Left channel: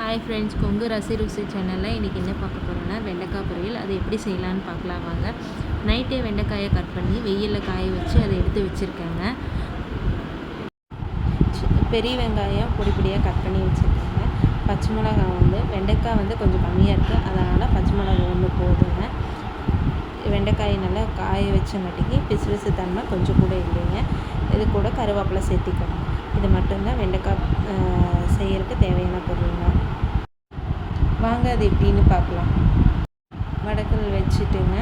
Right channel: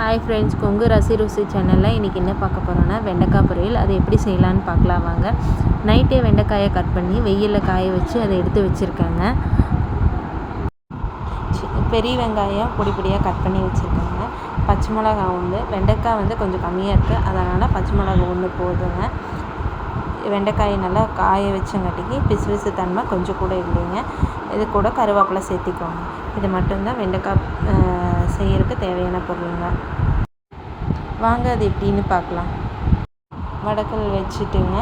Hi friends Kongu ரசி ருசி சேனலில் இன்றைக்கி என்ன பார்க்க போகிறோன்னா வெண்டைக்காய் பொரியல். அதை எப்படி செய்யலான்னு பார்க்கலாம் வாங்க. நைட்டே வெண்டைக்காயை கட் பண்ணி வெயிலில் காய வச்சு அதை எடுத்து வச்சுருக்காங்க. பெரிய வெங்காயம் பொடி பொடியாக கட் பண்ணி வச்சுருக்காங்க. பச்சை மிளகா ஒன்று வெண்டைக்காய் வந்து கொஞ்சம் கம்மியாக இருக்குது அதனால் பச்சை மிளகா ஒன்று போதுங்க. வெண்டைக்காயை நல்லா காய வச்சங்காட்டிக்கு பிசு பிசு தன்மை கொஞ்சம் கூட இல்லைங்க. இது கூட கருவேப்பிலை சேர்த்திக்கோங்க. இது மட்டும்தான் வெண்டைக்காய் செய்யறதுக்கு தேவையான பொருளுங்க. வாங்க அது எப்படின்னு பார்க்கலாம். வடக்கல் வச்சுட்டுங்க.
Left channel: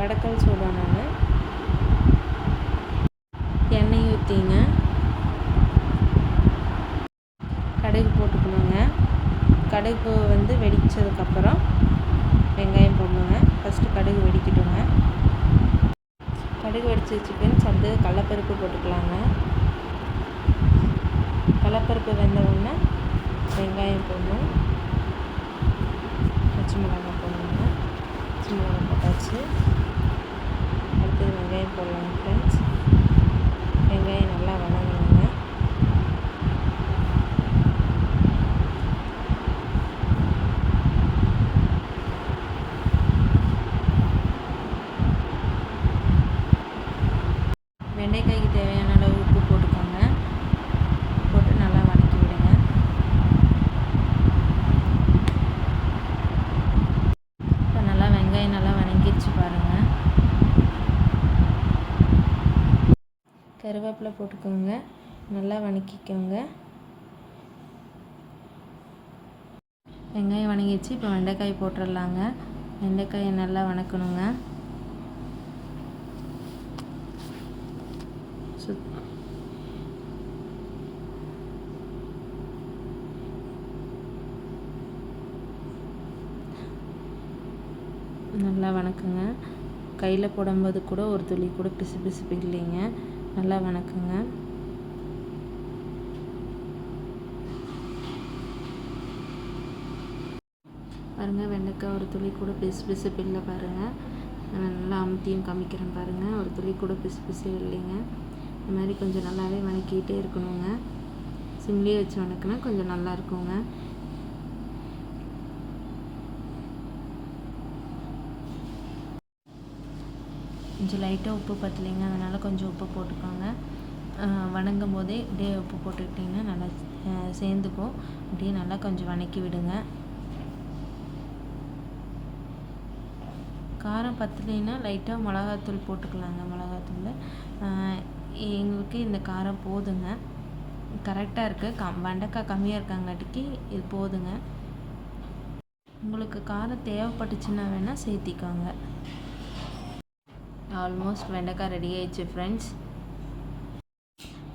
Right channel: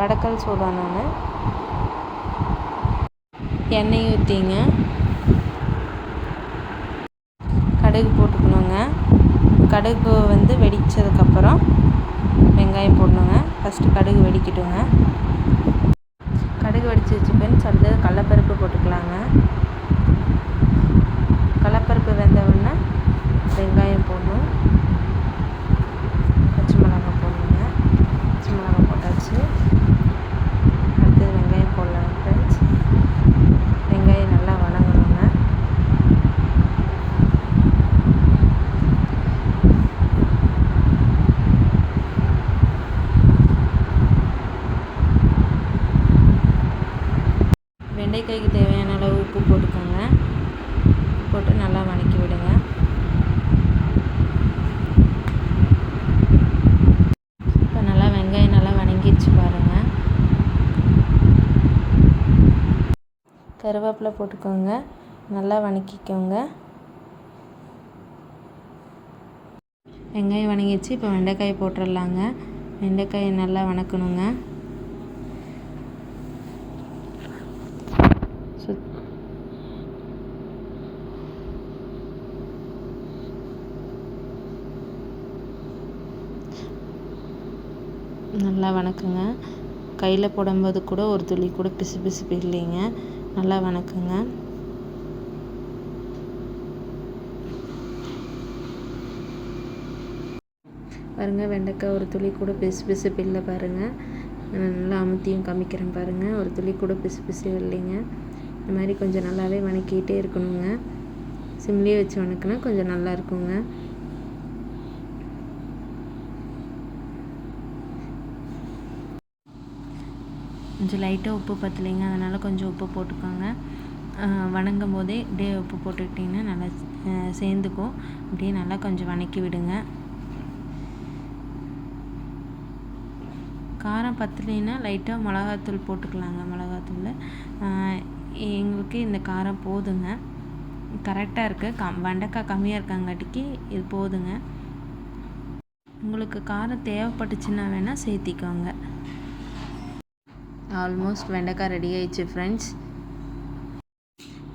வடக்கல் சூடானோன்னு எண்ணெய் ஊற்றிங்க கடுகு போட்டுக்கணுங்க. கடுகு வந்து வெடித்ததுக்கப்புறம் வெங்காயம் போடணுங்க. ஃபஸ்ட்டு கடுகு வெடிக்கட்டுங்க. கடுகு வெடிச்சு வச்சுப்பேன் அடுத்தது கடலப்பருப்பு போட்டுக்கலாங்க கடலப்பருப்பு வெந்த உடனே வெங்காயம் போடணும் பச்சை மிளகாய் போடணுங்க பச்சை மிளகாய் போட்டாச்சு அடுத்தது வெங்காயம் போடலாங்க ஃப்ரெண்ட்ஸ் வெங்காயம் நல்லா வணங்கணுங்க வெண்டைக்காய்க்கு தேவையான அளவு உப்பு போட்டுக்கோங்க. போட்டு நல்லா வதக்கி விடுங்க. இப்போ நல்லா வெங்காயம் நல்லா வணங்கிடுச்சு பாருங்கள் கருவேப்பிலை போட்டுக்கோங்க. நல்லா வணக்கிக்கோங்க. வெங்காயம் வணங்கிடுச்சு இப்போ வெண்டைக்காய் போட்டுடலாங்க வெண்டைக்காயை நல்லா வணக்கணுங்க. சுத் நல்லா வணக்குங்க. கையில் போடும்போது கூட ஒரு துளி கூட பிசு பிசுப்பு இல்லைங்க நல்லா வணக்குங்க. பாருங்கள் வெண்டைக்காய் ஒரு துளி கூட பிசு பிசுப்பு இல்லை பாருங்கள் நல்லா அமுத்தியும் காமிக்கிறேன் பாருங்கள் ஒரு துளி கூட பிசு பிசு இல்லைங்க. இந்த மாதிரி கொஞ்சம் நல்லாவே வணக்கிட்டே இருக்கணுங்க. சிம்லேயே வச்சு வணக்கினா கொஞ்சம் நல்லா இருக்குங்க கொஞ்சம் லைட்டாக உப்பு பத்தலைங்க அதனால் கொஞ்சம் உப்பு போட்டுக்கோங்க. வணங்கும் போதே அப்படியே உப்பு போட்டுக்கிட்டிங்கன்னா நல்லா சேர்ந்துக்கும். அப்படியே நல்லா கொஞ்சம் வணக்கி விடுங்க. காரம் பத்தலைன்னா லைட்டாக மிளகாத்தூள் போட்டுக்கலாங்க மிளகாத்தூள். எங்களுக்கு இந்த காரம் போதுங்க. கரெக்டாக இருக்குது கம் வெண்டைக்காய் கம்மியாக இருக்காங்காட்டிக்கு இது போதுங்க. உங்களுக்கு காரம் தேவைப்பட்டுச்சுன்னா வேணால் சேர்த்திக்கோங்க. ஆல்மோஸ்ட் வெண்டைக்காய் ரெடி ஆயிடுச்சு ஃப்ரெண்ட்ஸ்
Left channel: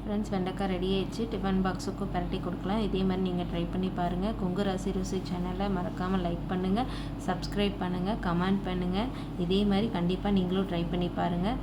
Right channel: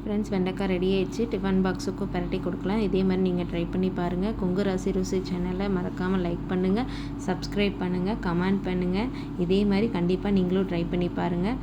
ஃப்ரெண்ட்ஸ் வெண்டைக்காய் ரெடி ஆயிடுச்சு. டிஃபன் பாக்ஸுக்கும் பரட்டி கொடுக்கலாம். இதே மாதிரி நீங்கள் ட்ரை பண்ணி பாருங்கள் கொங்கு ராசி ருசி சேனலை மறக்காமல் லைக் பண்ணுங்கள் சப்ஸ்கிரைப் பண்ணுங்கள் கமெண்ட் பண்ணுங்கள் இதே மாதிரி கண்டிப்பாக நீங்களும் ட்ரை பண்ணி பாருங்கள்